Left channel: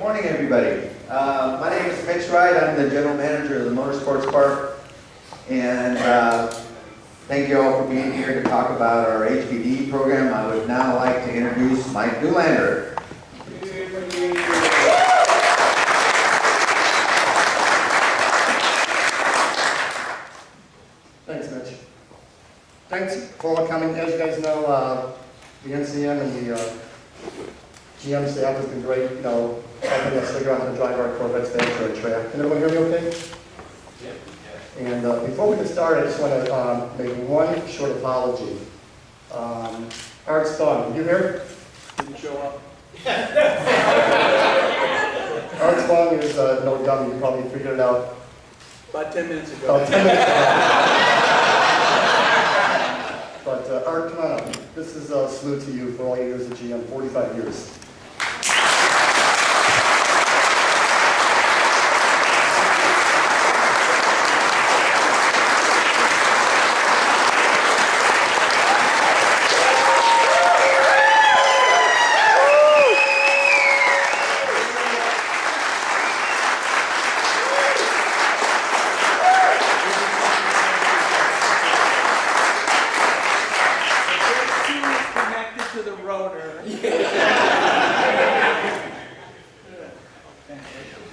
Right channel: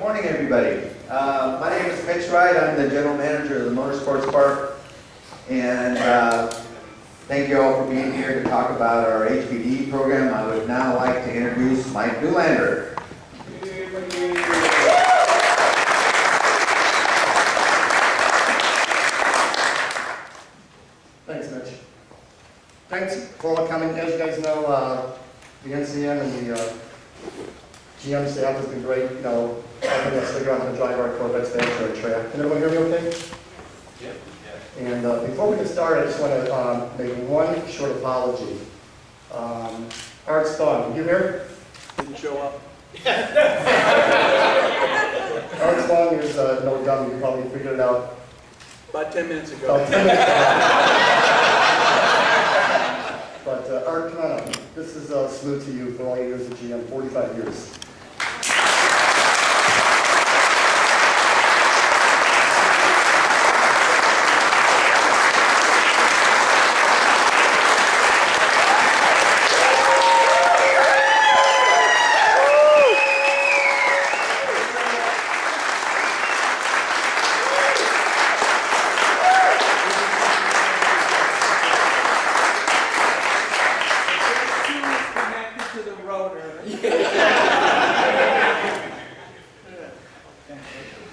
Morning, everybody. My name is Mitch Wright. I'm the general manager of the Motorsports Park, and thank you all for being here to talk about our HPD program. I would now like to introduce Mike Newlander. Thanks, Mitch. Thanks for all coming. As you guys know, the NCM and the GM staff has been great, helping us figure out how to drive our Corvettes back to our track. Can everyone hear me okay? Yeah. And before we get started, I just want to make one short apology. Art Spong, you here? Didn't show up. Art Spong is no dummy. You probably figured it out. About 10 minutes ago. About 10 minutes ago. But Art, come on up. This is a salute to you for all your years at GM, 45 years.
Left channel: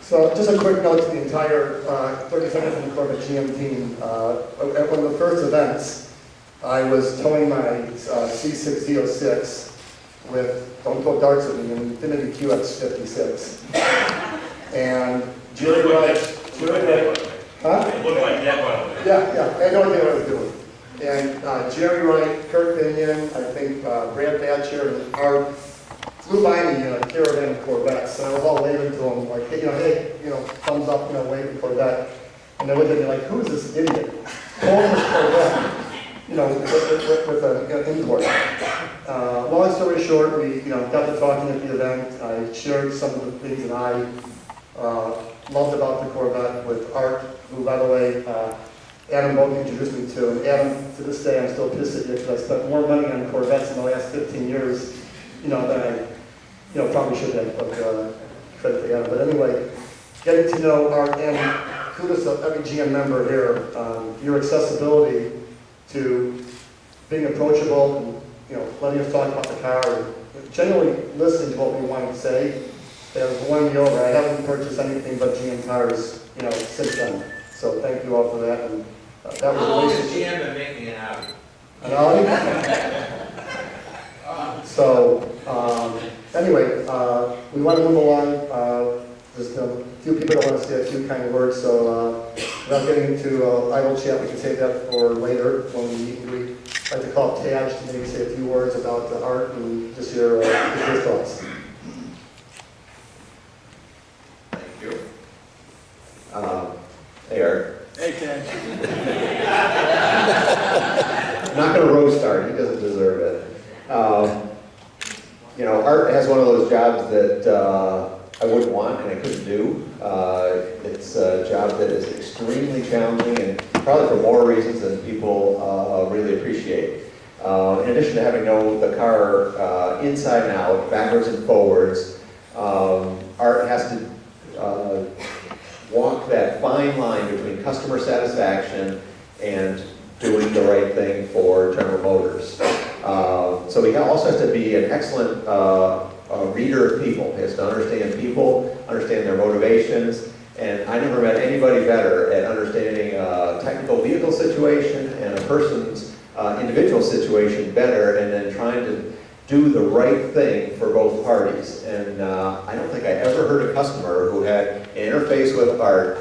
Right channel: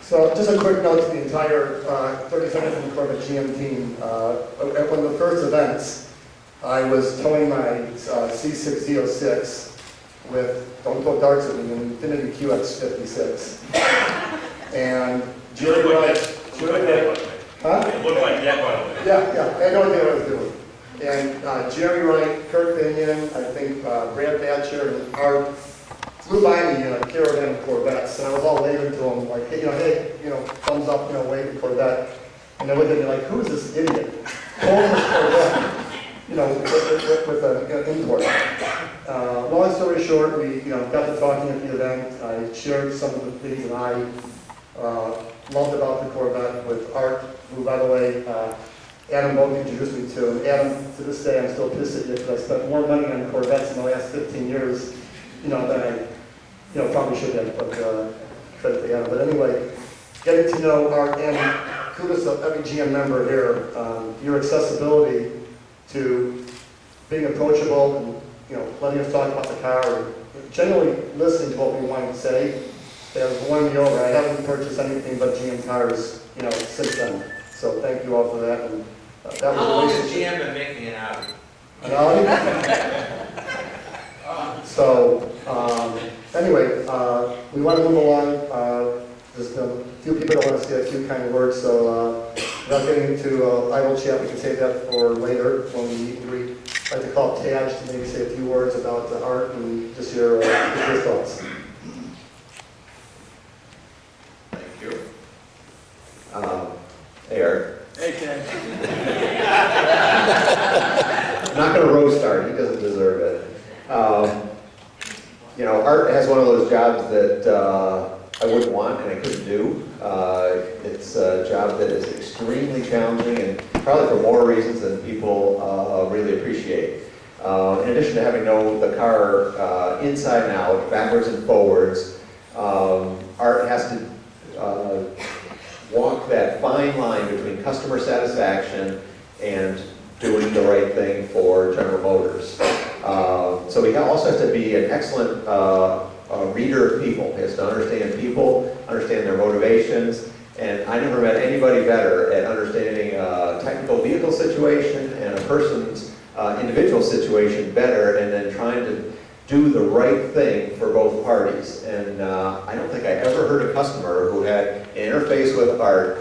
So just a quick note to the entire 30 seconds from the Corvette GM team. At one of the first events, I was towing my C6 Z06 with, don't throw darts at me, an Infiniti QX56. And Jerry Wright, huh? It looked like that, by the way. Yeah, I had no idea what I was doing. And Jerry Wright, Kurt Binion, I think Brad Thatcher, and Art flew by me in a caravan of Corvettes, and I was all waving to them, like, hey, thumbs up, wave the Corvette. And they looked at me like, who is this idiot? Holding this Corvette, with an import. Long story short, we, got to talking at the event. I shared some of the things that I loved about the Corvette with Art, who, by the way, Adam Bogan introduced me to. And Adam, to this day, I'm still pissed at you because I spent more money on Corvettes in the last 15 years, than I probably should have, but credit to Adam. But anyway, getting to know Art, and kudos to every GM member here, your accessibility to being approachable and, letting us talk about the car and generally listening to what we want to say. They have won me over. I haven't purchased anything but GM cars, since then. So thank you all for that. And that was How long has GM been making it out? So, anyway, we want to move along. There's a few people that want to say a few kind words, so without getting into idle chat, we can save that for later when we meet and greet. I'd like to call TADGE to maybe say a few words about Art and just your thoughts. Thank you. Hey, Art. Hey, Ken. I'm not going to roast Art. He doesn't deserve it. Art has one of those jobs that I wouldn't want and I couldn't do. It's a job that is extremely challenging and probably for more reasons than people really appreciate. In addition to having to know the car inside and out, backwards and forwards, Art has to walk that fine line between customer satisfaction and doing the right thing for General Motors. So he also has to be an excellent reader of people. He has to understand people, understand their motivations, and I never met anybody better at understanding a technical vehicle situation and a person's individual situation better, and then trying to do the right thing for both parties. And I don't think I ever heard a customer who had an interface with Art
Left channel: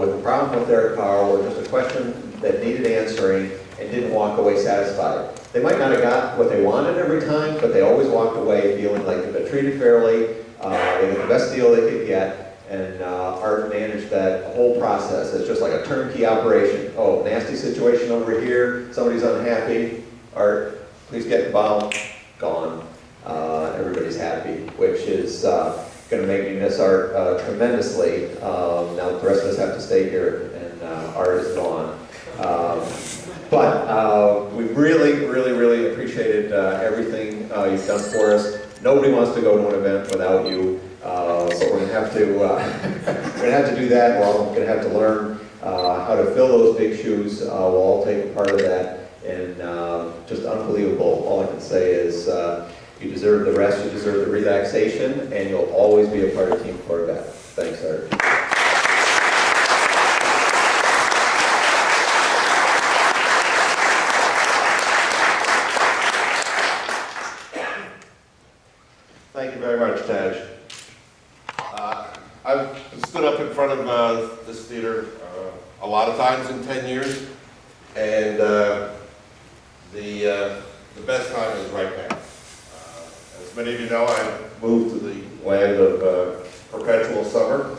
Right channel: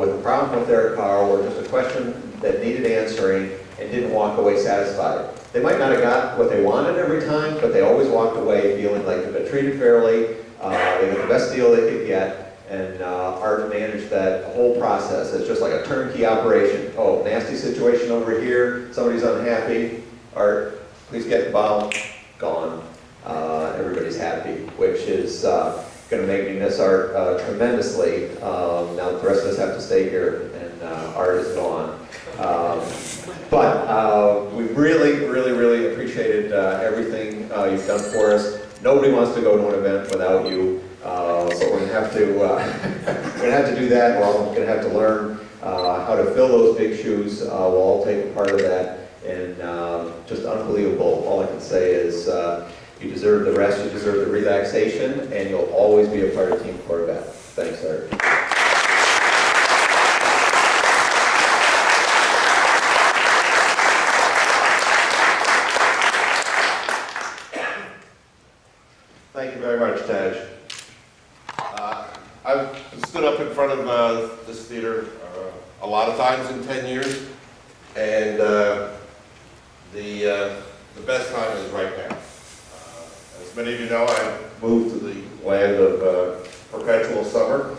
with a problem with their car or just a question that needed answering and didn't walk away satisfied. They might not have got what they wanted every time, but they always walked away feeling like they've been treated fairly, they got the best deal they could get, and Art managed that whole process. It's just like a turnkey operation. Oh, nasty situation over here, somebody's unhappy, Art, please get involved, gone. Everybody's happy, which is going to make me miss Art tremendously. Now the rest of us have to stay here, and Art is gone. But we really appreciated everything you've done for us. Nobody wants to go to an event without you, but we're gonna have to, we're gonna have to do that. We're all gonna have to learn how to fill those big shoes. We'll all take a part of that, and just unbelievable. All I can say is you deserve the rest, you deserve the relaxation, and you'll always be a part of Team Corvette. Thanks, Art. Thank you very much, TADGE. I've stood up in front of this theater a lot of times in 10 years, and the best time is right now. As many of you know, I've moved to the land of perpetual summer,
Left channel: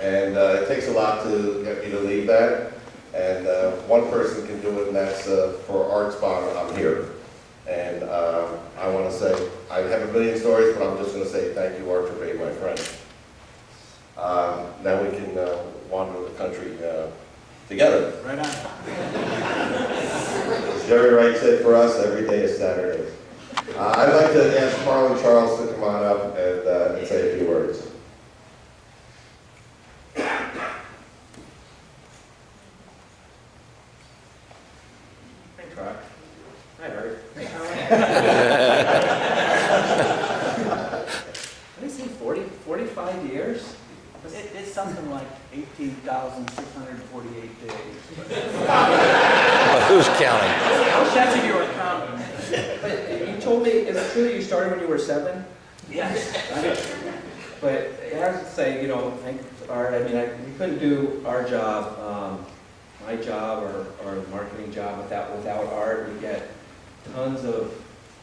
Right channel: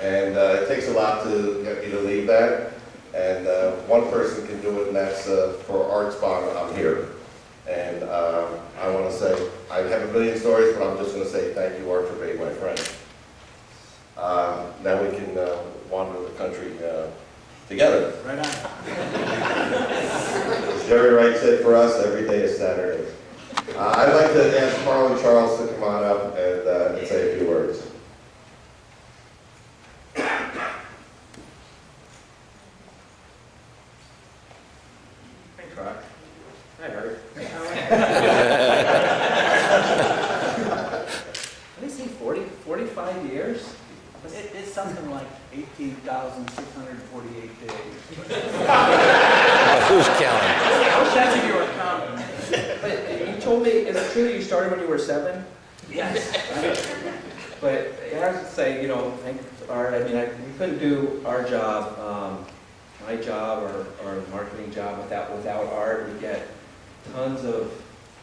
and it takes a lot to get me to leave that, and one person can do it, and that's for Art Spong. I'm here. And I want to say, I have a million stories, but I'm just going to say thank you, Art, for being my friend. Now we can wander the country together. Right on. As Jerry Wright said, for us, every day is Saturday. I'd like to ask Harlan Charles to come on up and say a few words. Thanks, Rock. Hi, Art. What did he say, 45 years? It's something like 18,648 days. Who's counting? That's if you were counting. But you told me, is it true that you started when you were 7? Yes. But I have to say, you know, thanks, Art. I mean, we couldn't do our job, my job or the marketing job without Art. We get tons of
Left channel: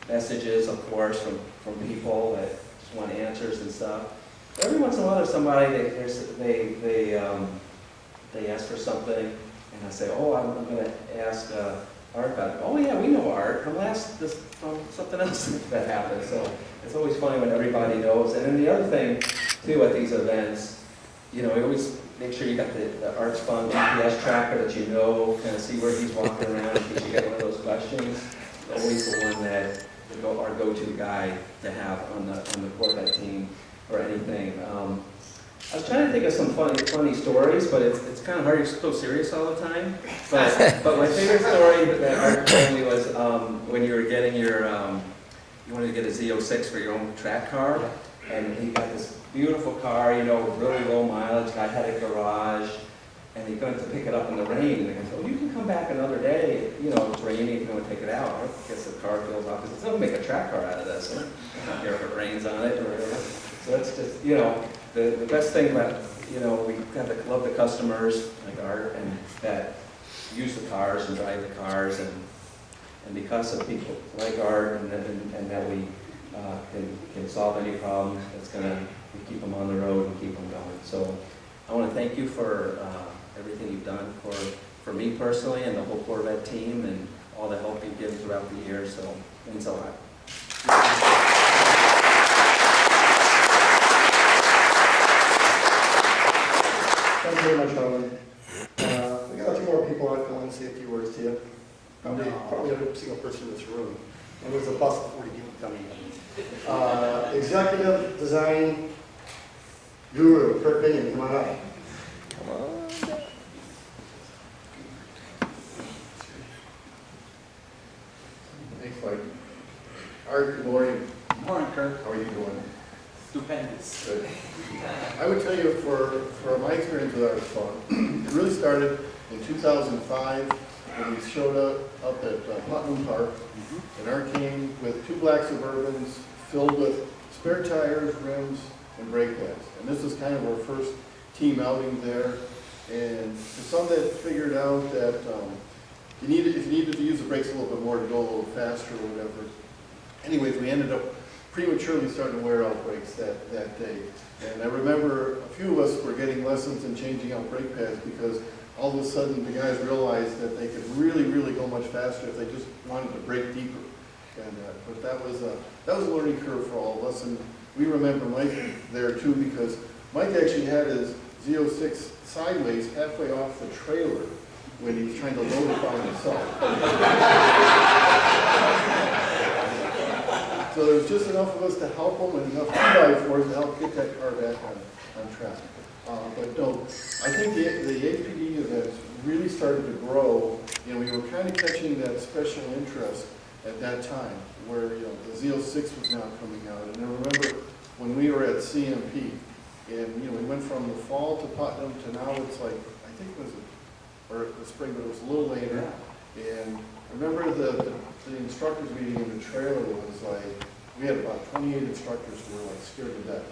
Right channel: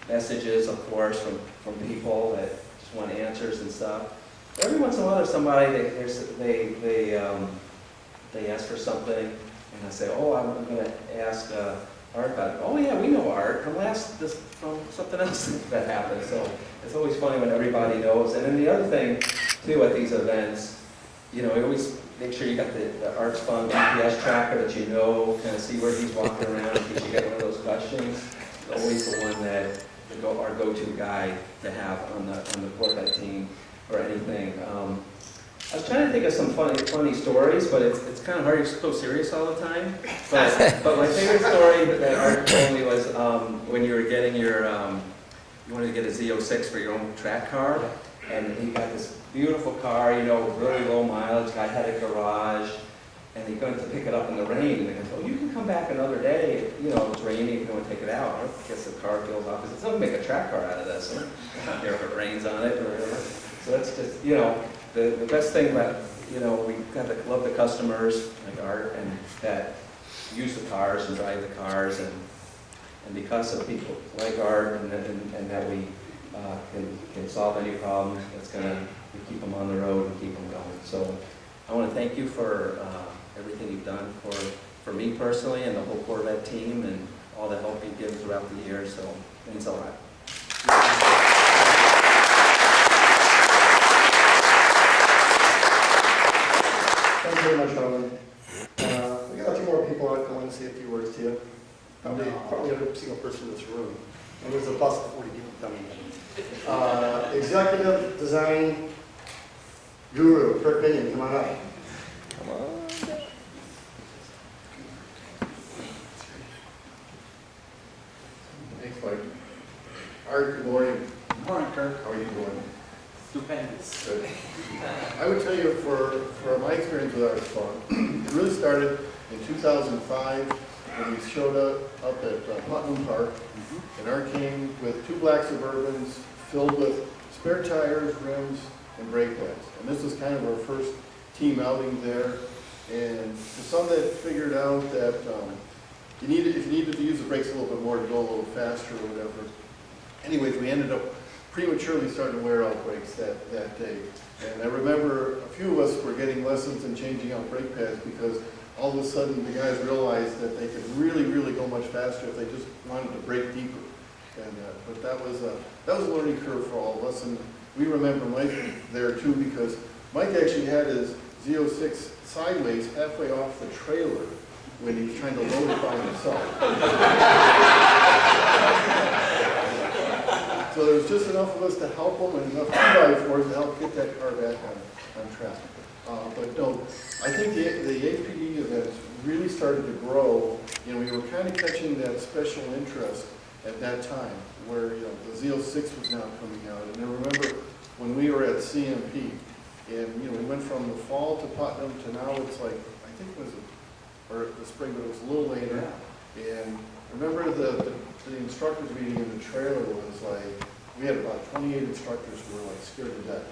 messages, of course, from people that just want answers and stuff. Every once in a while, there's somebody they ask for something, and I say, oh, I'm going to ask Art about it. Oh yeah, we know Art. From something else that happened. So it's always funny when everybody knows. And then the other thing too at these events, you know, you always make sure you got the Art Spong GPS tracker that you know, kind of see where he's walking around in case you get one of those questions. It's always the one that our go-to guy to have on the Corvette team or anything. I was trying to think of some funny stories, but it's kind of hard. You're so serious all the time. But my favorite story that Art told me was when you were getting your, you wanted to get a Z06 for your own track car, and he got this beautiful car, you know, with really low mileage. Guy had a garage, and he went to pick it up in the rain. And the guy said, "Oh, you can come back another day. You know, it's raining. If you want to take it out." I guess the car peels off because it's not make a track car out of this. So I don't care if it rains on it or whatever. So it's just, you know. The best thing about, you know, we got to love the customers like Art and that use the cars and drive the cars, and because of people like Art and that we can solve any problems, we keep them on the road and keep them going. So I want to thank you for everything you've done for me personally and the whole Corvette team and all the help you've given throughout the years. So thanks a lot. Thank you very much, Harlan. We got a few more people out that want to say a few words to you. Probably every single person in this room. And there's a bus of 40 people coming in. Executive Design Guru, Kurt Binion, come on up. Thanks, Mike. Art, good morning. Morning, Kirk. How are you doing? Stupendous. Good. I would tell you, for my experience with Art Spong, it really started in 2005 when we showed up at Putnam Park, and Art came with 2 black Suburbans filled with spare tires, rims, and brake pads. And this was kind of our first team outing there. And for some that figured out that if you needed to use the brakes a little bit more to go a little faster or whatever. Anyways, we ended up prematurely starting to wear out brakes that day. And I remember a few of us were getting lessons in changing out brake pads because all of a sudden the guys realized that they could really, really go much faster if they just wanted to brake deeper. And but that was a learning curve for all of us. And we remember Mike there too because Mike actually had his Z06 sideways halfway off the trailer when he was trying to load it by himself. So there was just enough of us to help them and enough 2x4s to help get that car back on track. But no, I think the HPD events really started to grow, and we were kind of catching that special interest at that time, where the Z06 was now coming out. And I remember when we were at CMP, and we went from the fall to Putnam to now it's like, I think it was, or the spring, but it was a little later. And I remember the instructors meeting in the trailer was like, we had about 28 instructors who were like scared to death.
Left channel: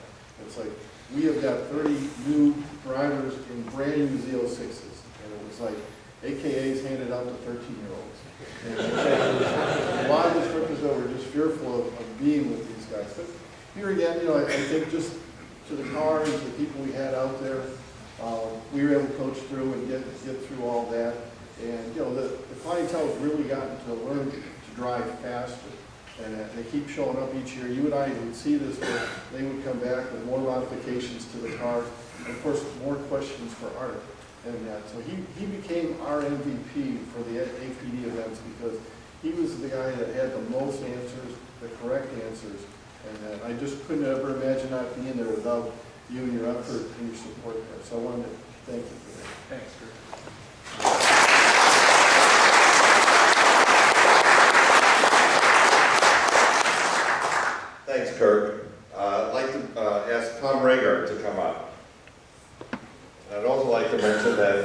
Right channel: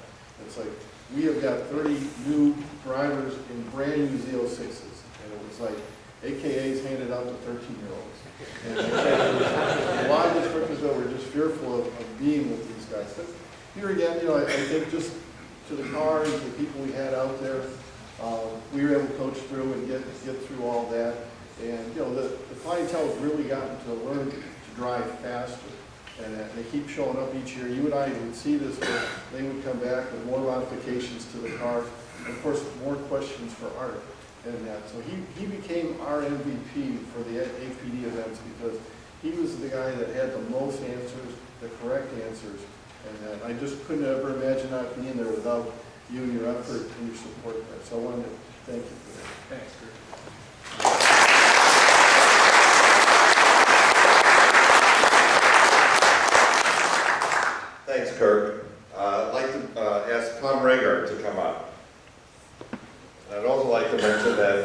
It's like, we have got 30 new drivers in brand new Z06s. And it was like, AKAs handed out to 13-year-olds. And a lot of instructors that were just fearful of being with these guys. But here again, I think just to the cars, the people we had out there, we were able to coach through and get through all that. And the clientele has really gotten to learn to drive faster. And they keep showing up each year. You and I would see this, but they would come back with more modifications to the car. And of course, more questions for Art and that. So he became our MVP for the APD events because he was the guy that had the most answers, the correct answers. And I just couldn't ever imagine not being there without you and your effort and your support there. So I wanted to thank you for that. Thanks, Kurt. Thanks, Kirk. I'd like to ask Tom Rager to come up. And I'd also like to mention that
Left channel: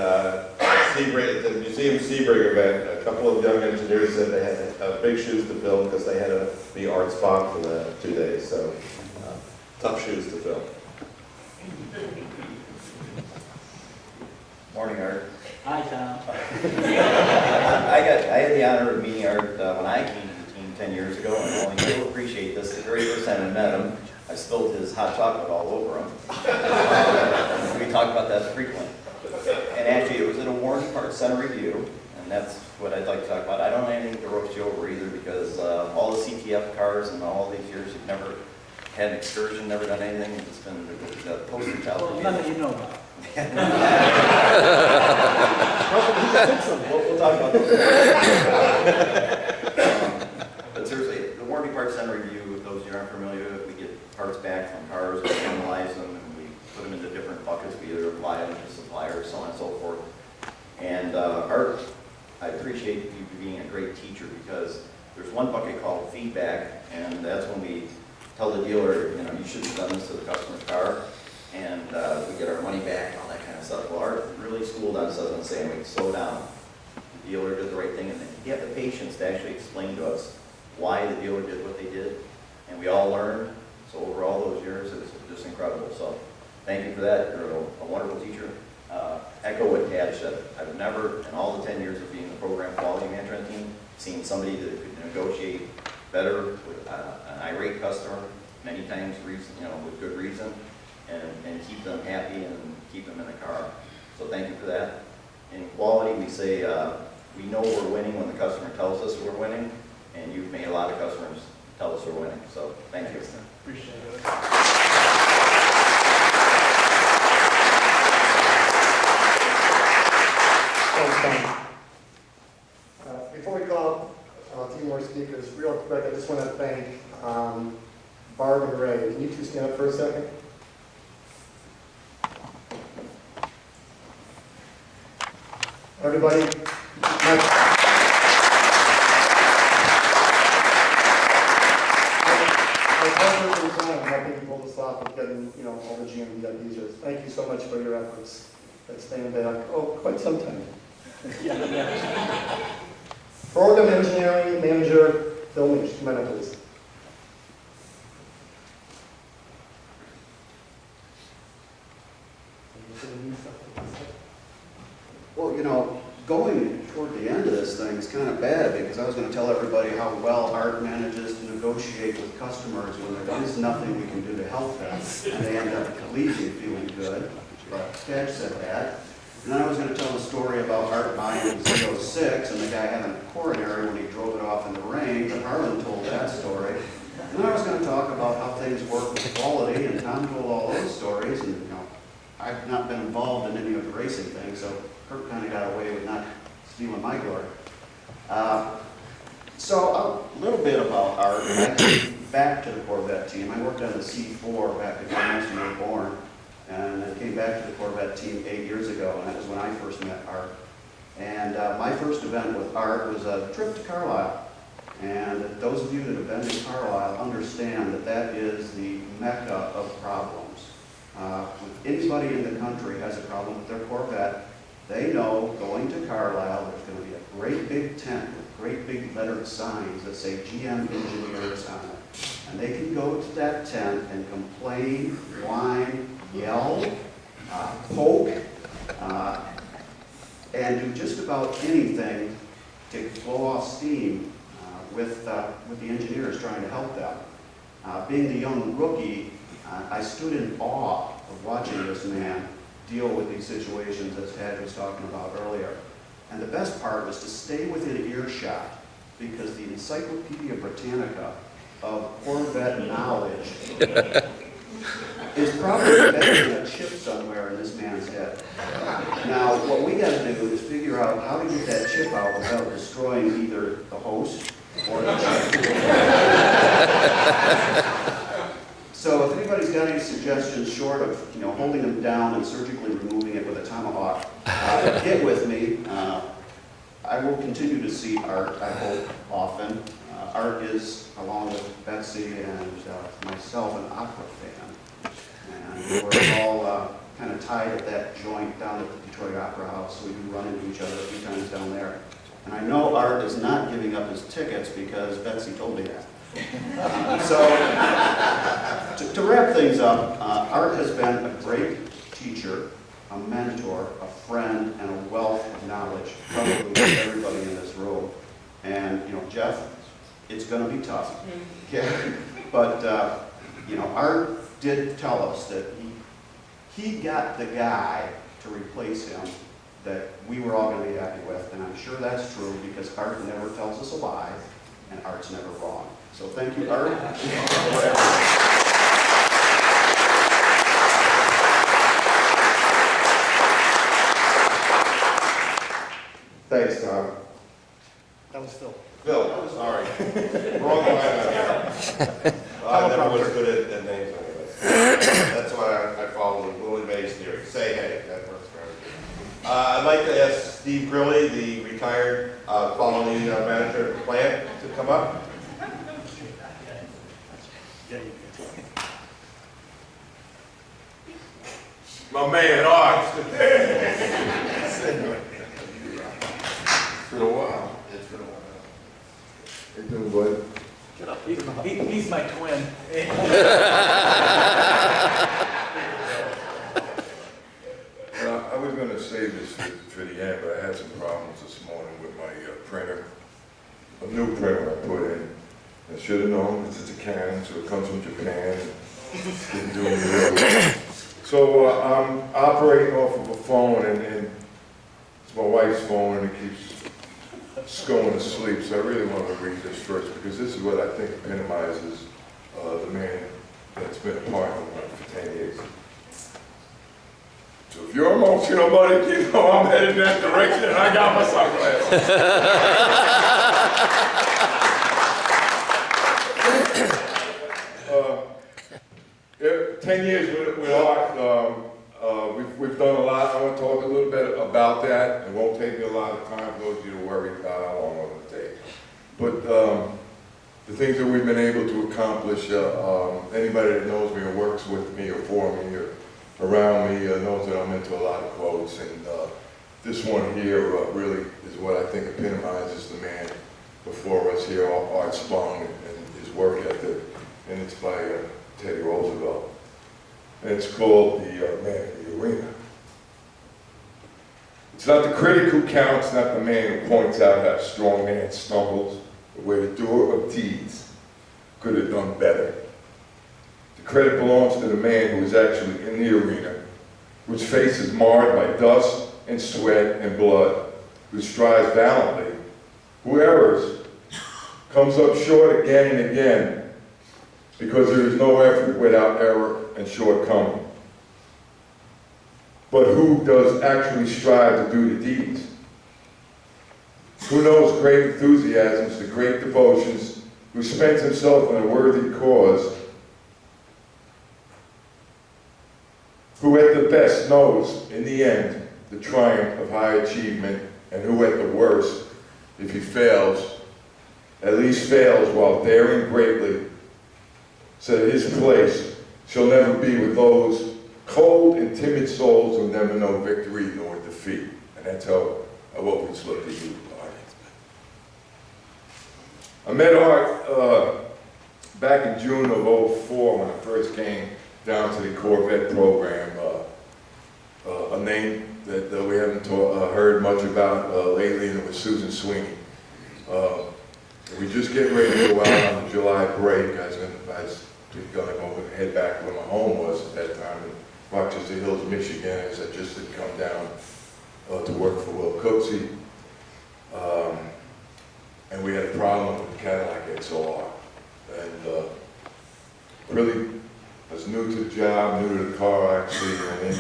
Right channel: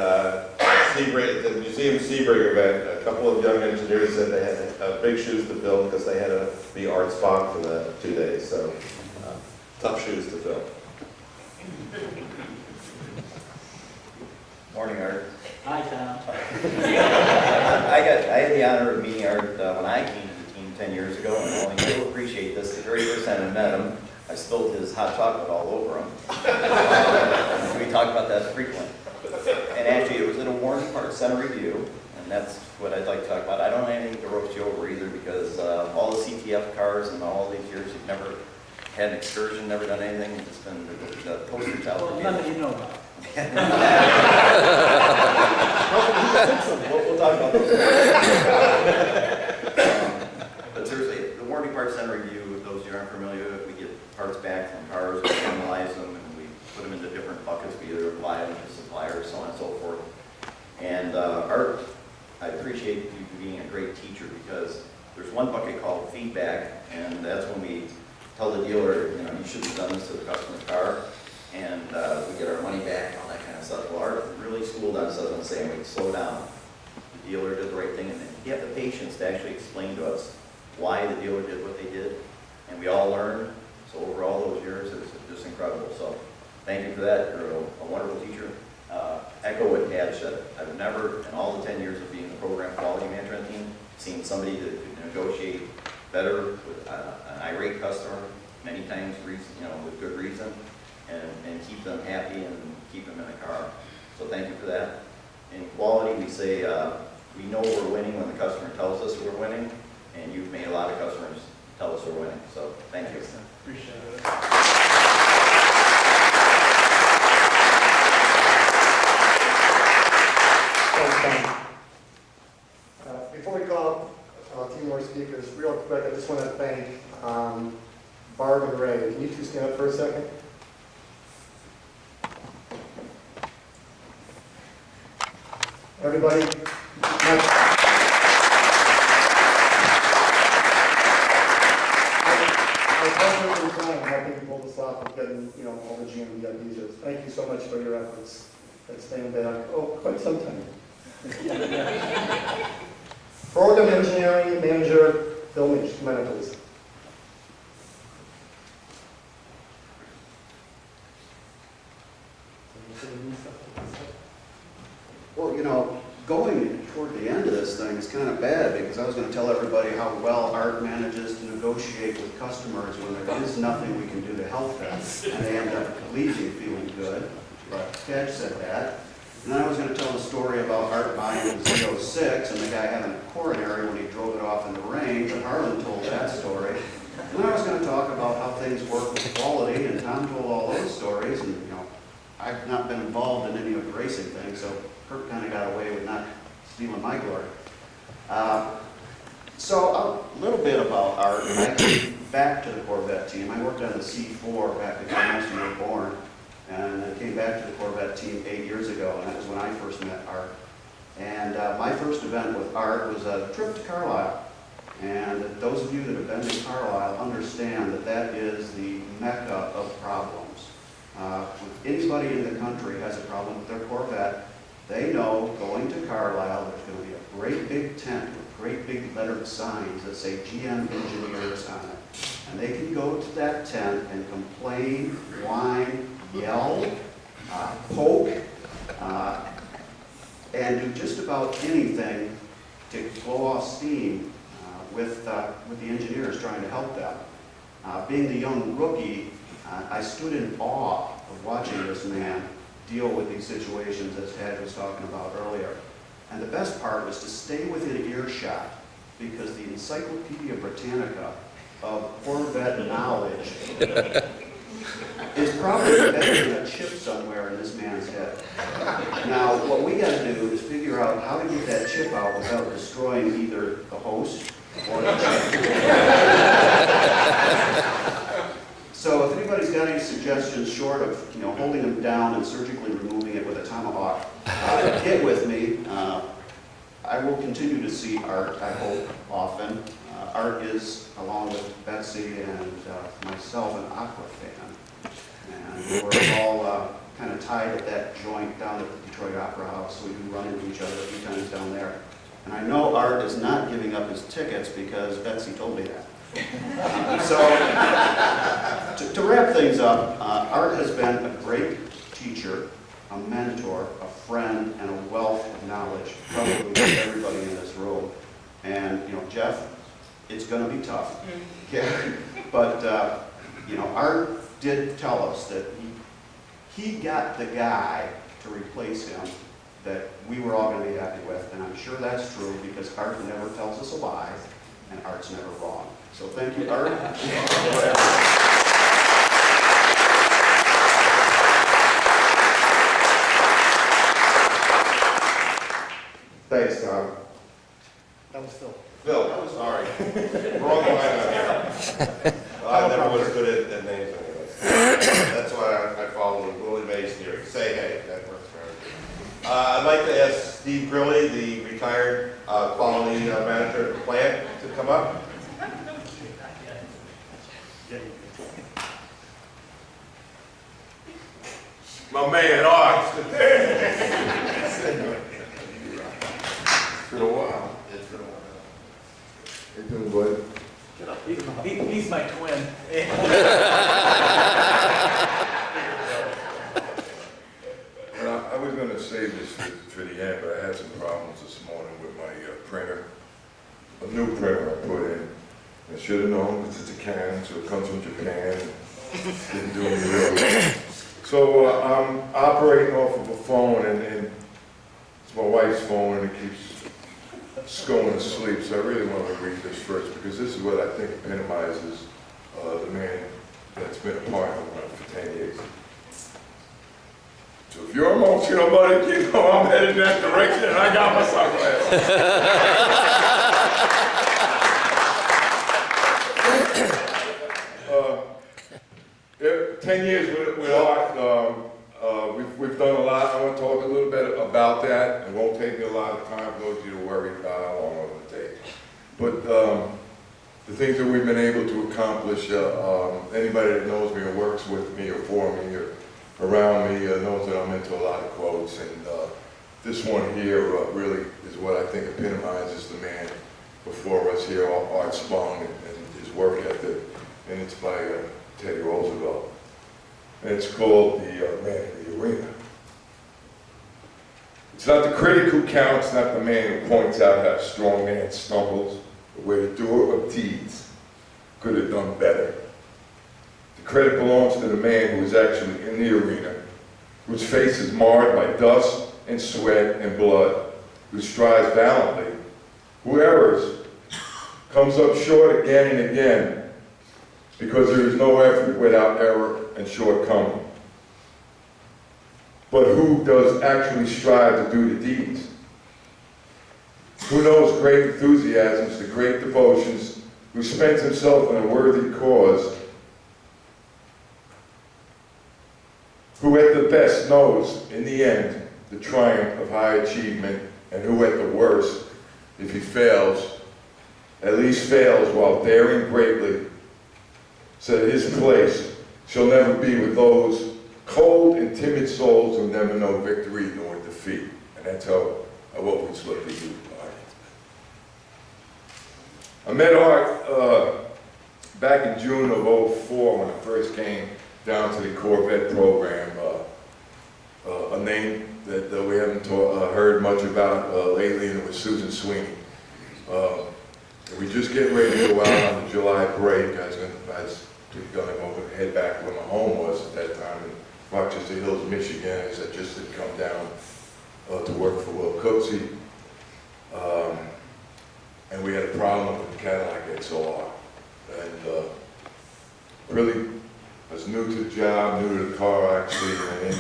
the Museum Sebring event, a couple of young engineers said they had big shoes to fill because they had to be Art Spong for the 2 days. So tough shoes to fill. Morning, Art. Hi, Tom. I had the honor of meeting Art when I came to the team 10 years ago, and only he'll appreciate this. The very first time I met him, I spilled his hot chocolate all over him. We talk about that frequently. And actually, it was at a warranty part center review, and that's what I'd like to talk about. I don't have anything to roast you over either, because all the CTF cars and all these years, you've never had an excursion, never done anything. It's just been the poster child. Well, none that you know about. We'll talk about those. But seriously, the warranty parts center review, those who aren't familiar, we get parts back from cars, we analyze them, and we put them into different buckets. We either apply them to suppliers, so on and so forth. And Art, I appreciate you being a great teacher, because there's one bucket called feedback, and that's when we tell the dealer, you shouldn't have done this to the customer's car, and we get our money back and all that kind of stuff. Well, Art really schooled on stuff and saying, wait, slow down. The dealer did the right thing, and then he had the patience to actually explain to us why the dealer did what they did, and we all learned. So over all those years, it was just incredible. So thank you for that. You're a wonderful teacher. Echo what TADGE said. I've never, in all the 10 years of being the program quality management team, seen somebody that could negotiate better with an irate customer, many times with good reason, and keep them happy and keep them in the car. So thank you for that. In quality, we say we know we're winning when the customer tells us we're winning, and you've made a lot of customers tell us we're winning. So thank you. Appreciate it. Thanks, Tom. Before we call a few more speakers, real quick, I just want to thank Barb and Ray. Can you two stand up for a second? Everybody, helping pull this off and getting, all the GM VIPs. Thank you so much for your efforts. Let's stand back. Oh, quite some time. Program Engineering Manager Phil Leach, come on up, please. Well, going toward the end of this thing is kind of bad, because I was going to tell everybody how well Art manages to negotiate with customers when there is nothing we can do to help them, and they end up leaving feeling good. But TADGE said that. And then I was going to tell the story about Art buying the Z06 and the guy having a coronary when he drove it off in the rain, but Harlan told that story. And then I was going to talk about how things work with quality, and Tom told all those stories, and I've not been involved in any of the racing things, so Kirk kind of got away with not stealing my glory. So a little bit about Art. back to the Corvette team. I worked on the C4 back before most of you were born, and then came back to the Corvette team 8 years ago, and that was when I first met Art. And my first event with Art was a trip to Carlisle. And those of you that have been to Carlisle understand that that is the mecca of problems. When anybody in the country has a problem with their Corvette, they know going to Carlisle, there's going to be a great big tent with great big lettered signs that say GM Engineers on it. And they can go to that tent and complain, whine, yell, poke, and do just about anything to blow off steam with the engineers trying to help them. Being the young rookie, I stood in awe of watching this man deal with these situations as Tad was talking about earlier. And the best part was to stay within earshot, because the Encyclopedia Britannica of Corvette knowledge is probably embedded in a chip somewhere in this man's head. Now, what we got to do is figure out how to get that chip out without destroying either the host or the chip. So if anybody's got any suggestions short of holding them down and surgically removing it with a tomahawk, get with me. I will continue to see Art, I hope, often. Art is, along with Betsy and myself, an opera fan. And we're all kind of tied at that joint down at the Detroit Opera House, so we do run into each other a few times down there. And I know Art is not giving up his tickets because Betsy told me that. So, to wrap things up, Art has been a great teacher, a mentor, a friend, and a wealth of knowledge, probably to everybody in this room. And, Jeff, it's going to be tough. Okay? But, Art did tell us that he got the guy to replace him that we were all going to be happy with. And I'm sure that's true because Art never tells us a lie, and Art's never wrong. So thank you, Art. Thanks, Tom. That was Phil. Bill, sorry. Wrong line on here. I never was good at names anyway. That's why I follow the Willie Mays theory. Say hey, that works for everything. I'd like to ask Steve Grilli, the retired quality manager at the plant, to come up. My man, Art. It's been a while. It's been a while. How you doing, bud? Get up. He's my twin. Well, I was going to save this for the end, but I had some problems this morning with my printer. A new printer I put in. I should have known because it's a Canon, so it comes from Japan. Didn't do any well. So I'm operating off of a phone, and it's my wife's phone, and it keeps going to sleep. So I really want to read this first because this is what I think epitomizes the man that's been a part of it for 10 years. So if you're emotional, buddy, you know I'm headed in that direction, and I got my sunglasses. 10 years with Art, we've done a lot. I want to talk a little bit about that. It won't take me a lot of time, those of you to worry about how long I'm going to take. But the things that we've been able to accomplish, anybody that knows me or works with me or for me or around me knows that I'm into a lot of quotes. And this one here really is what I think epitomizes the man before us here, Art Spong, and his work ethic. And it's by Teddy Roosevelt. And it's called The Man in the Arena. It's not the critic who counts, not the man who points out how a strong man stumbles, but where the doer of deeds could have done better. The credit belongs to the man who is actually in the arena, whose face is marred by dust and sweat and blood, who strives valiantly, who errs, comes up short again and again, because there is no effort without error and shortcoming. But who does actually strive to do the deeds? Who knows great enthusiasms, the great devotions, who spends himself on a worthy cause, who at the best knows, in the end, the triumph of high achievement, and who at the worst, if he fails, at least fails while daring greatly, so that his place shall never be with those cold and timid souls who never know victory nor defeat. And that's how I've always looked at you, Art. I met Art back in June of '04 when I first came down to the Corvette program, a name that we haven't heard much about lately, and it was Susan Sweeney. We just getting ready to go out on the July break. I was going to go head back where my home was at that time in Rochester Hills, Michigan, as I just had come down to work for Will Cooksey. And we had a problem with the Cadillac XLR. And really, I was new to the job, new to the car actually, and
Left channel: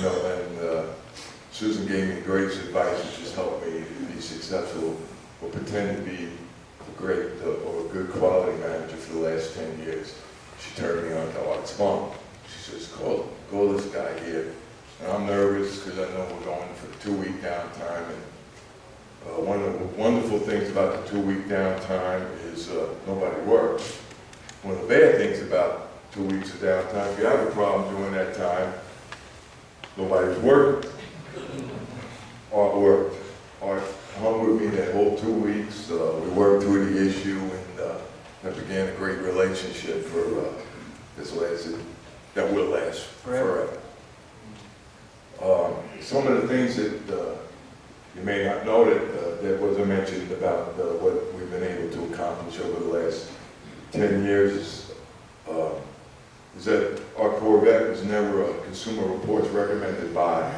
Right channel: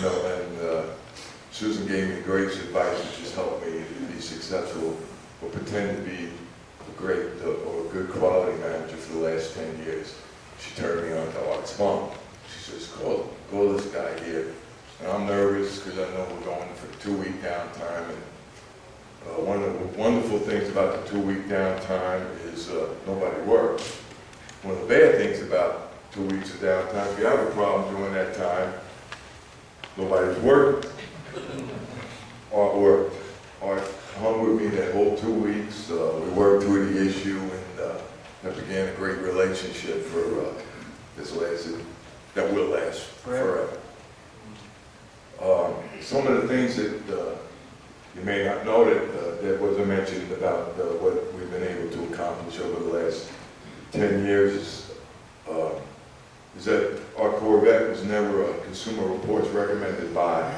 Susan gave me great advice, which has helped me to be successful or pretend to be a great or a good quality manager for the last 10 years. She turned me on to Art Spong. She says, call this guy here. And I'm nervous because I know we're going for a 2-week downtime. And one of the wonderful things about the 2-week downtime is nobody works. One of the bad things about 2 weeks of downtime, if you have a problem during that time, nobody's working. Art worked. Art hung with me that whole 2 weeks. We worked through the issue, and that began a great relationship for that will last forever. Some of the things that you may not know that wasn't mentioned about what we've been able to accomplish over the last 10 years is that our Corvette was never a Consumer Reports recommended buy.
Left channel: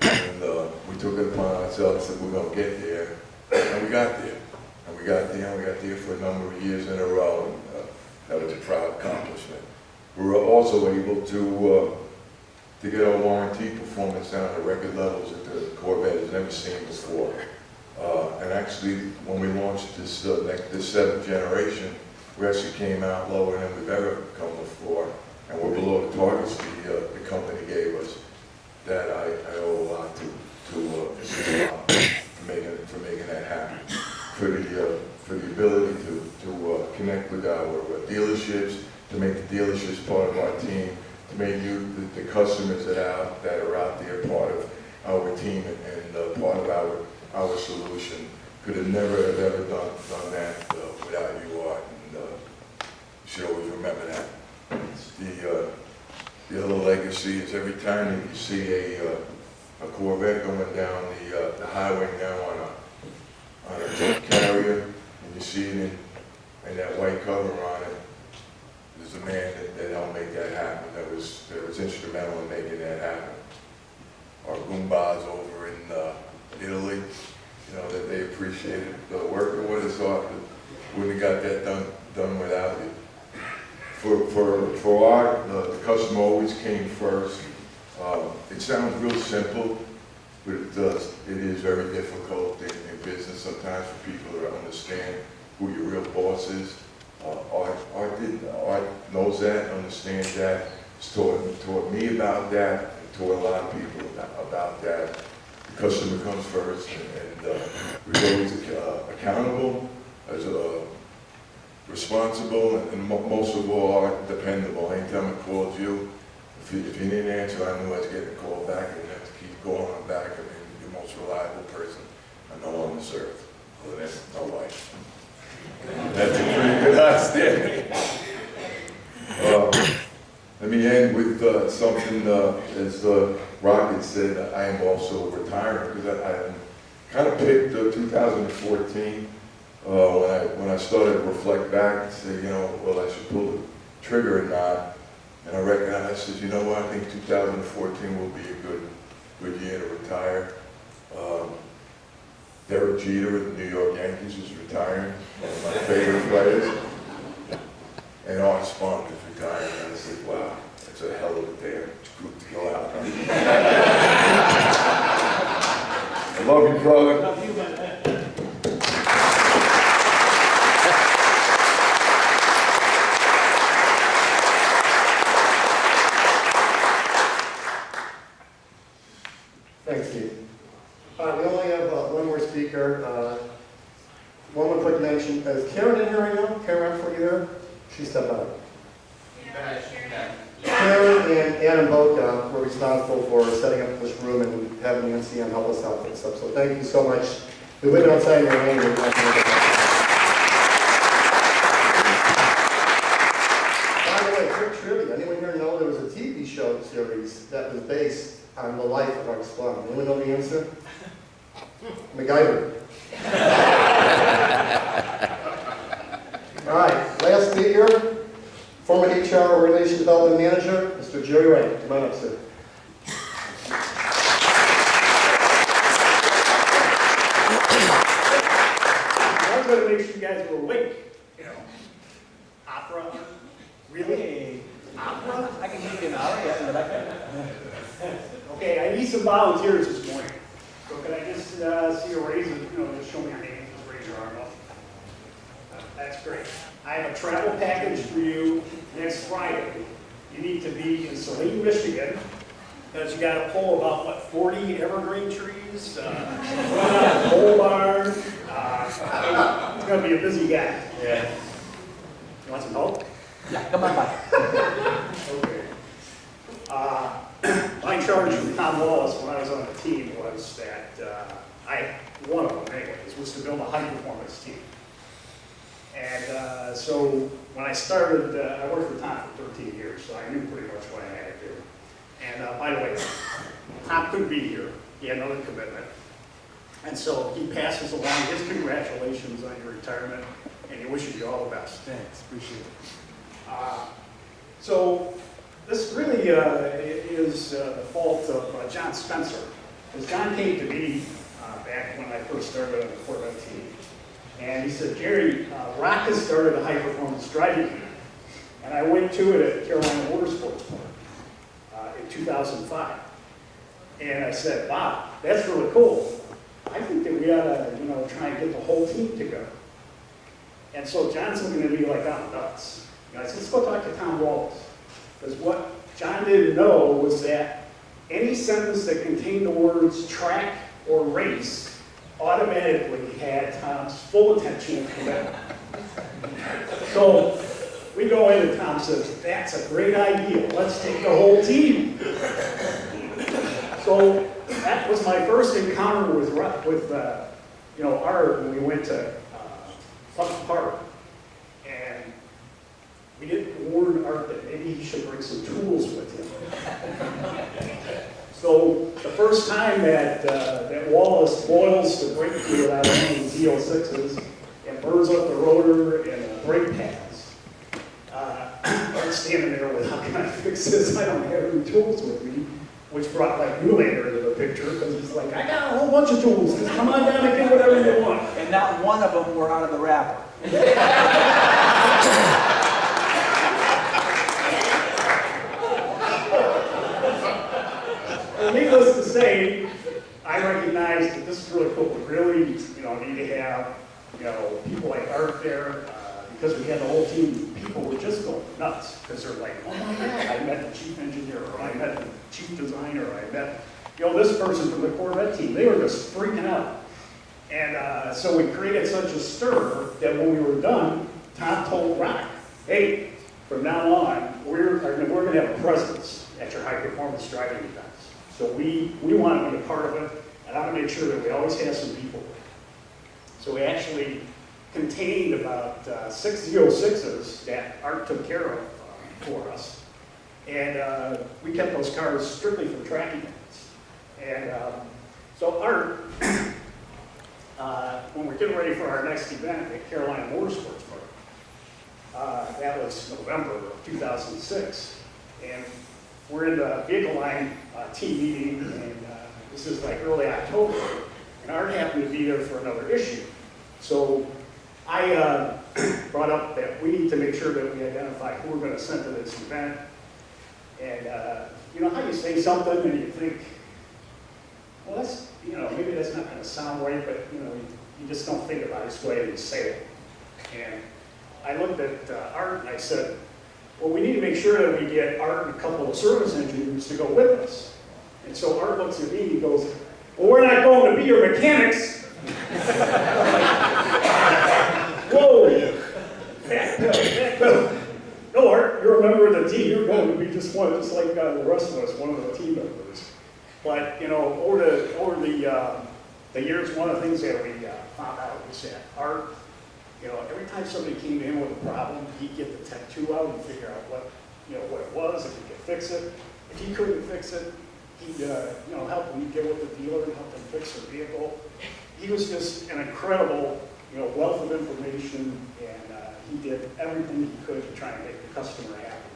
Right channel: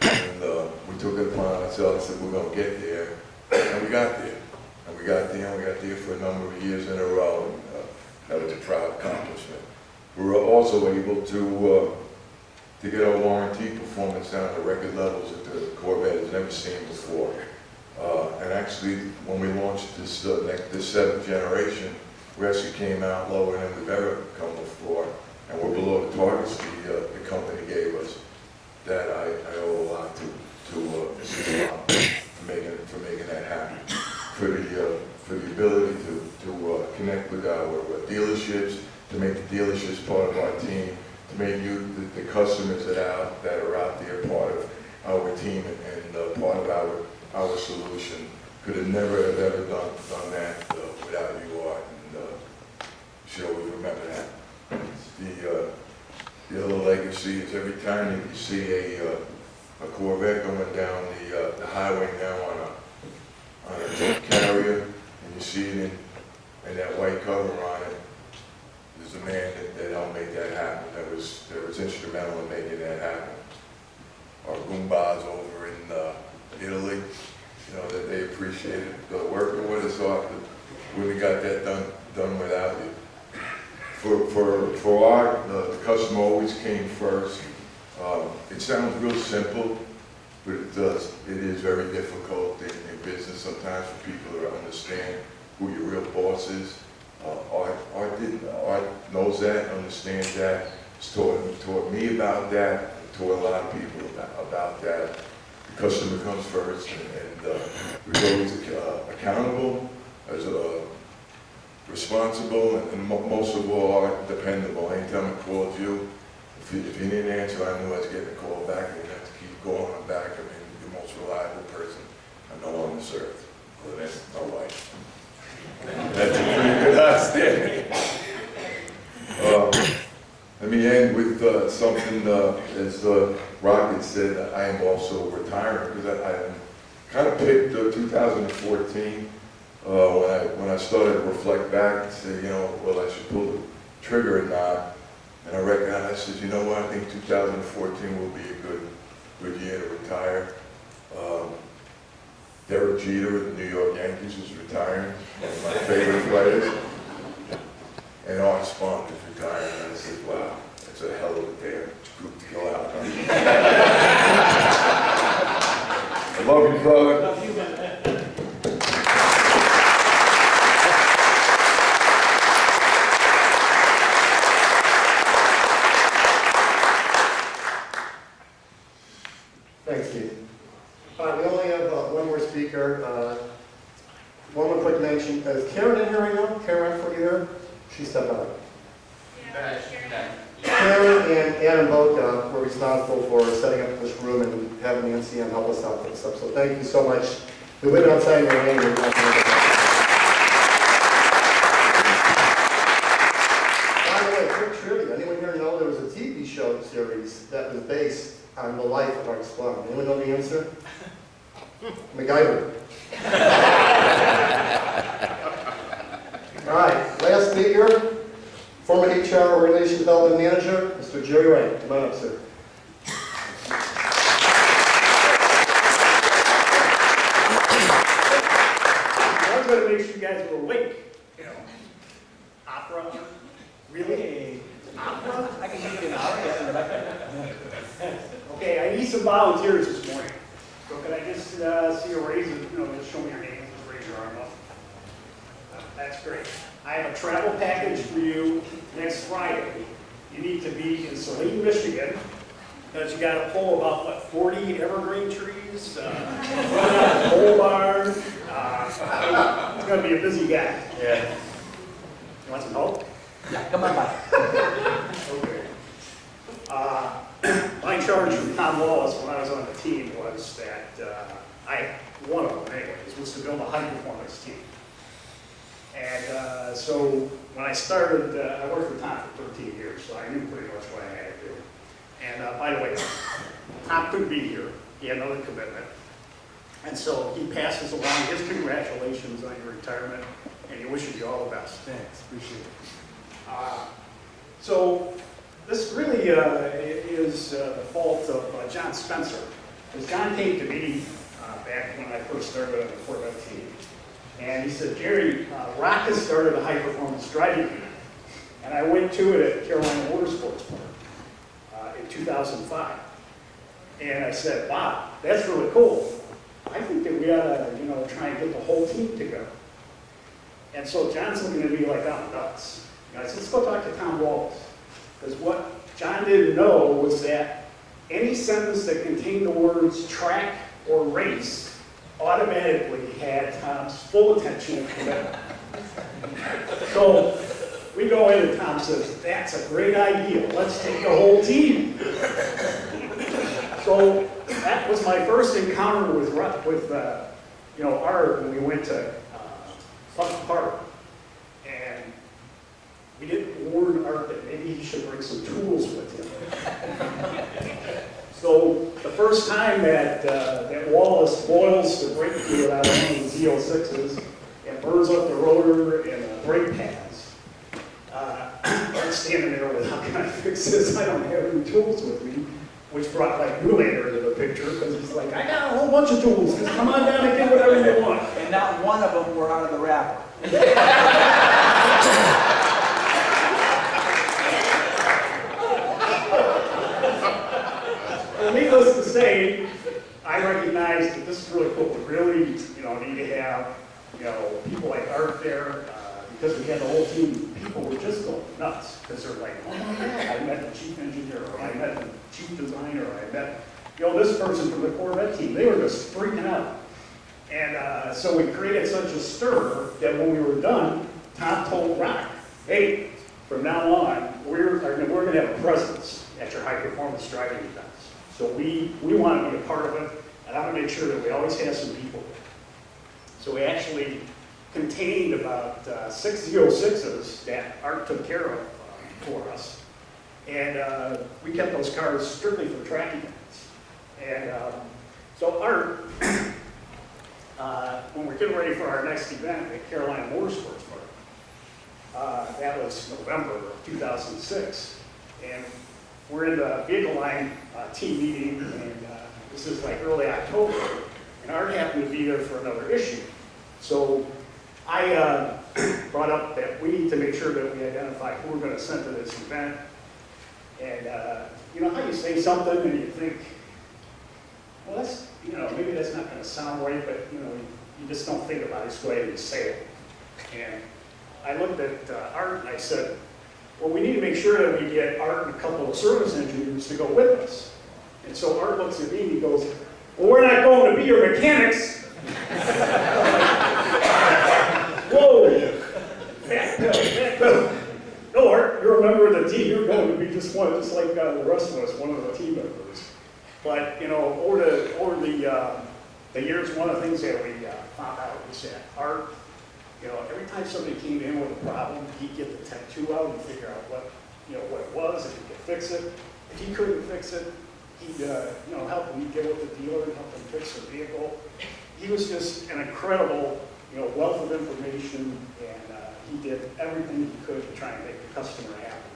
And we took it upon ourselves that we're going to get there, and we got there. And we got there for a number of years in a row, and that was a proud accomplishment. We were also able to get our warranty performance down to record levels that the Corvette has never seen before. And actually, when we launched this 7th generation, we actually came out lower than we've ever come before, and we're below the targets the company gave us. That I owe a lot to for making that happen. For the ability to connect with our dealerships, to make the dealerships part of our team, to make the customers that are out there part of our team and part of our solution. Could have never have ever done that without you, Art, and you should always remember that. The other legacy is every time that you see a Corvette going down the highway now on a jet carrier, and you see it in that white cover on it, there's a man that helped make that happen, that was instrumental in making that happen. Our Goombas over in Italy, that they appreciated working with us off. Wouldn't have got that done without you. For Art, the customer always came first. It sounds real simple, but it is very difficult in business sometimes for people to understand who your real boss is. Art knows that, understands that. He's taught me about that, and taught a lot of people about that. The customer comes first, and we're always accountable, responsible, and most of all, Art, dependable. Anytime I called you, if you didn't answer, I knew I was getting a call back, and you have to keep going on back. I mean, you're the most reliable person I know on this earth. Other than my wife. That's a pretty good understanding. Let me end with something, as Rocket said, I am also retiring, because I kind of picked 2014 when I started to reflect back and say, well, I should pull the trigger or not. And I recognized, I said, you know what, I think 2014 will be a good year to retire. Derek Jeter of the New York Yankees is retiring, one of my favorite players. And Art Spong is retiring, and I said, wow, that's a hell of a damn group to go out on. I love you, brother. Love you, man. Thanks, Steve. All right, we only have one more speaker. One more quick mention. Is Karen in here right now? Karen, for you here? She stepped out. Karen and Adam both were responsible for setting up this room and having the NCM help us out with stuff. So thank you so much. We went outside in the rain. By the way, quick trivia. Anyone here know there was a TV show series that was based on the life of Art Spong? Anyone know the answer? MacGyver. All right, last speaker, former HR Organization Development Manager, Mr. Jerry Wright. Come on up, sir. I was going to make sure you guys were awake. You know, opera, really? Opera? I can give you an hour, yeah. Okay, I need some volunteers this morning. So can I just see a raise, just show me your name, just raise your arm up. That's great. I have a travel package for you next Friday. You need to be in Saline, Michigan, because you got to pull about, what, 40 evergreen trees, run out the pole barn. It's going to be a busy guy. Yeah. You want some help? Yeah, come on by. Okay. My charge from Tom Wallace when I was on the team was that one of them anyways, was to build a high-performance team. And so when I started, I worked with Tom for 13 years, so I knew pretty much what I had to do. And by the way, Tom couldn't be here. He had another commitment. And so he passes along his congratulations on your retirement, and he wishes you all the best. Thanks, appreciate it. So this really is the fault of John Spencer. Because John came to me back when I first started on the Corvette team. And he said, Jerry, Rock has started a high-performance driving camp. And I went to it at Carolina Motorsports Park in 2005. And I said, wow, that's really cool. I think that we ought to, try and get the whole team to go. And so John's looking at me like I'm nuts. I said, let's go talk to Tom Wallace. Because what John didn't know was that any sentence that contained the words track or race automatically had Tom's full attention and commitment. So we go in and Tom says, that's a great idea. Let's take the whole team. So that was my first encounter with Art when we went to Pleasant Park. And we didn't warn Art that maybe he should bring some tools with him. So the first time that Wallace boils the brake fluid out of one of the Z06s and burns up the rotor and the brake pads, I'm standing there with, how can I fix this? I don't have any tools with me, which brought like Newlander into the picture because he's like, I got a whole bunch of tools. Just come on down and get whatever you want. And not one of them were out of the wrapper. Well, needless to say, I recognize that this is really cool. We really, need to have, people like Art there, because we had the whole team. People were just going nuts because they're like, oh my God, I met the chief engineer, or I met the chief designer, or I met, this person from the Corvette team. They were just freaking out. And so we created such a stir that when we were done, Tom told Rock, hey, from now on, we're going to have a presence at your high-performance driving events. So we want to be a part of it, and I want to make sure that we always have some people there. So we actually contained about 6 Z06s that Art took care of for us. And we kept those cars strictly for track events. And so Art, when we're getting ready for our next event at Carolina Motorsports Park, that was November of 2006. And we're in the vehicle line team meeting, and this is like early October, and Art happened to be there for another issue. So I brought up that we need to make sure that we identify who we're going to send to this event. And you know how you say something and you think, well, that's, maybe that's not going to sound right, but you just don't think about it, just go ahead and say it. And I looked at Art and I said, well, we need to make sure that we get Art and a couple of service engineers to go with us. And so Art looks at me and he goes, well, we're not going to be your mechanics. Whoa, backpedal. No, Art, you're a member of the team. You're going to be just like the rest of us, one of the team members. But, you know, over the years, one of the things that we found out was that Art, you know, every time somebody came in with a problem, he'd get the tech 2 out and figure out what it was, if he could fix it. If he couldn't fix it, he'd, help them get with the dealer and help them fix their vehicle. He was just an incredible, wealth of information, and he did everything he could to try and make the customer happy.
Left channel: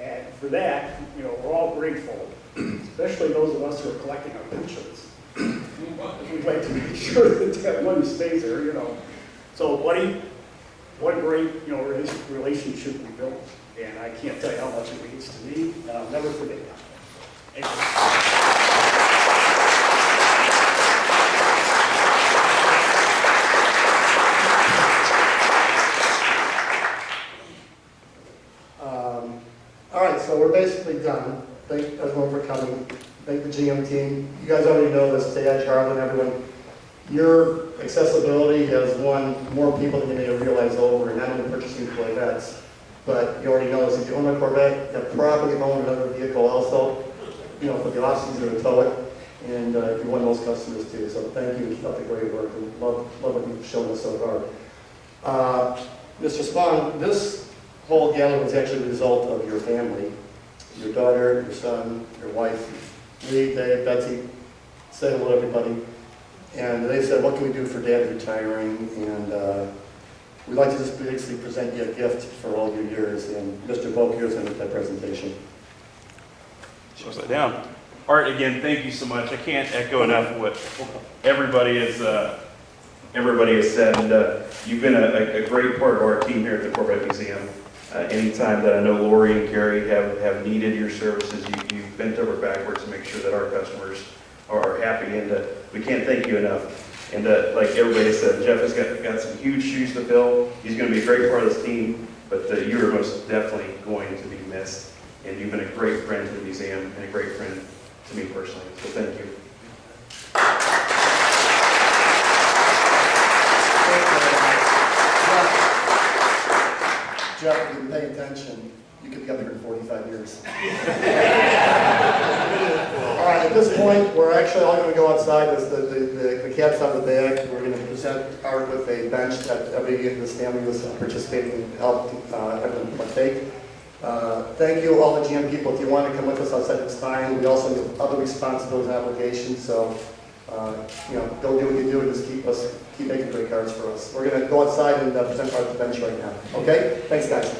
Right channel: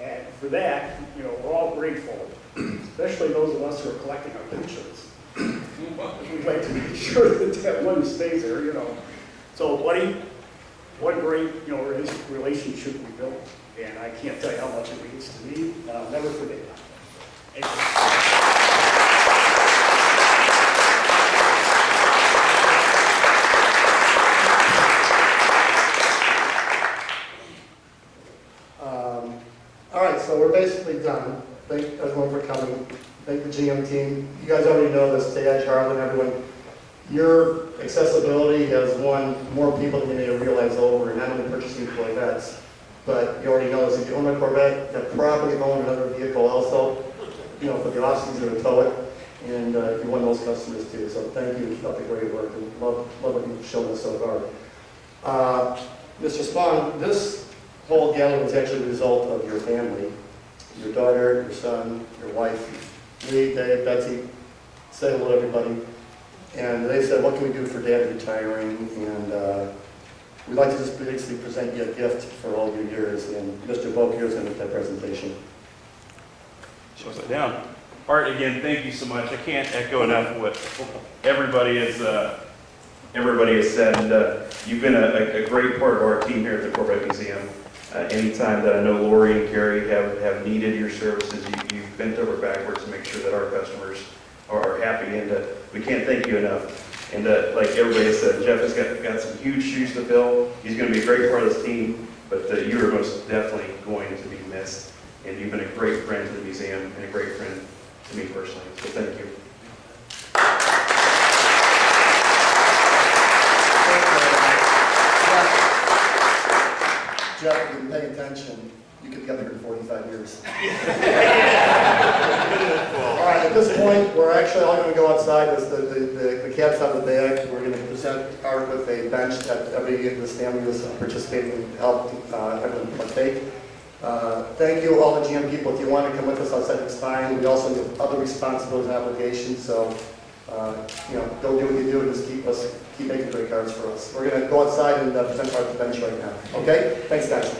And for that, we're all grateful, especially those of us who are collecting our pensions. We'd like to make sure that money stays there, So, buddy, what a great, relationship we built. And I can't tell you how much it means to me, and I'll never forget that. Thank you. All right, so we're basically done. Thank everyone for coming. Thank the GM team. You guys already know this, TADGE, HARLAN, everyone. Your accessibility has won more people than you may have realized over, and not only purchasing Corvettes, but you already know this. If you own a Corvette, you probably own another vehicle also, for the off-season to tow it, and you won those customers too. So thank you, keep up the great work, and love what you've shown us so far. Mr. Spong, this whole gathering was actually a result of your family, your daughter, your son, your wife, Lee, Dave, Betsy. Say hello to everybody. And they said, what can we do for Dad retiring? And we'd like to just basically present you a gift for all your years. And Mr. Bokier is going to make that presentation. Slow that down. Art, again, thank you so much. I can't echo enough what everybody has said. And you've been a great part of our team here at the Corvette Museum. Anytime that I know Lori and Gary have needed your services, you've bent over backwards to make sure that our customers are happy, and we can't thank you enough. And like everybody said, Jeff has got some huge shoes to fill. He's going to be a great part of this team, but you are most definitely going to be missed. And you've been a great friend to the museum and a great friend to me personally. So thank you. Jeff, if you've been paying attention, you could be up here in 45 years. All right, at this point, we're actually all going to go outside. The cat's out of the bag. We're going to present Art with a bench that every of this family was participating and helped everyone partake. Thank you, all the GM people. If you want to come with us outside, it's fine. We also have other responsibilities and obligations, so go do what you do and just keep making great cards for us. We're going to go outside and present Art the bench right now. Okay? Thanks, guys.